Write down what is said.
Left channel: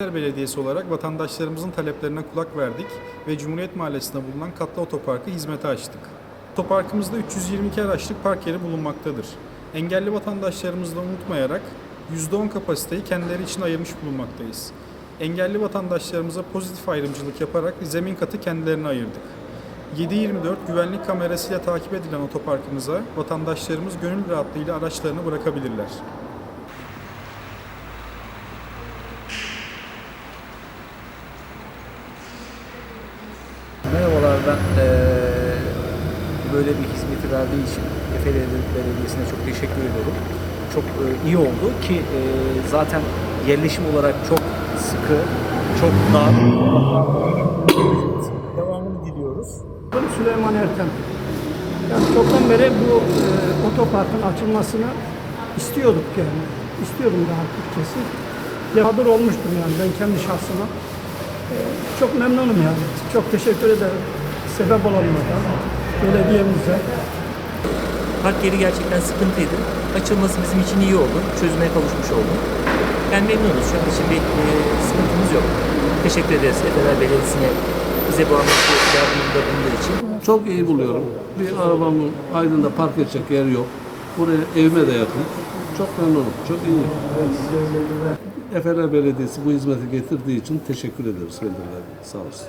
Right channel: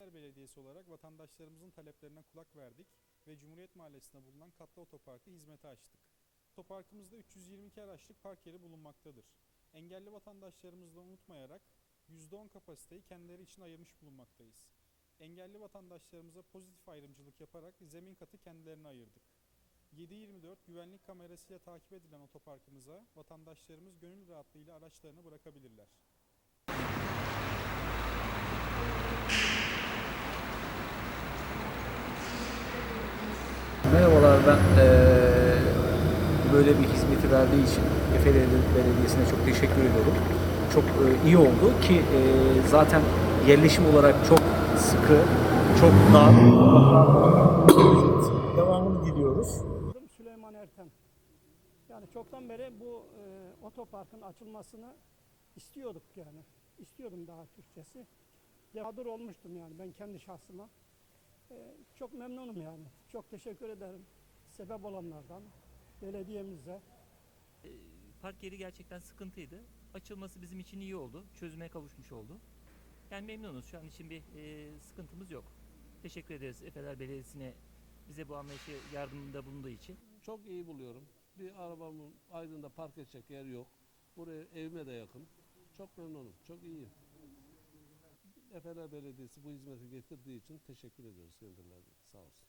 Belediyesi olarak vatandaşlarımızın taleplerine kulak verdik ve Cumhuriyet Mahallesi'nde bulunan katlı otoparkı hizmete açtık. Otoparkımızda 322 araçlık park yeri bulunmaktadır. Engelli vatandaşlarımızı da unutmayarak %10 kapasiteyi kendileri için ayırmış bulunmaktayız. Engelli vatandaşlarımıza pozitif ayrımcılık yaparak zemin katı kendilerine ayırdık. 7-24 güvenlik kamerasıyla takip edilen otoparkımıza vatandaşlarımız gönül rahatlığıyla araçlarını bırakabilirler. Eee, böyle bir hizmeti verdiği için Efeli Belediyesi'ne çok teşekkür ediyorum. Çok eee, iyi oldu ki eee, zaten yerleşim olarak çok sıkı, çok dar. Devamını diliyoruz. Süleyman Ertem. Yani çoktan beri bu e, otoparkın açılmasını istiyorduk yani. İstiyordum daha açıkçası. Yağdır olmuştum yani ben kendi şahsıma. E, çok memnunum yani. Çok teşekkür ederim. Sebep olanlara, belediyemize. Park yeri gerçekten sıkıntıydı. Açılması bizim için iyi oldu. Çözüme kavuşmuş oldu. Yani memnunuz. Şu an için bir e, sıkıntımız yok. Teşekkür ederiz Efeler Belediyesi'ne bize bu amaçlı yardımında bulunduğu için. Çok iyi buluyorum. Bir arabamın Aydın'da park edecek yer yok. Buraya evime de yakın. Çok memnunum. Çok iyi. Efeler Belediyesi bu hizmeti getirdiği için teşekkür ederiz kendilerine. Sağ olsun.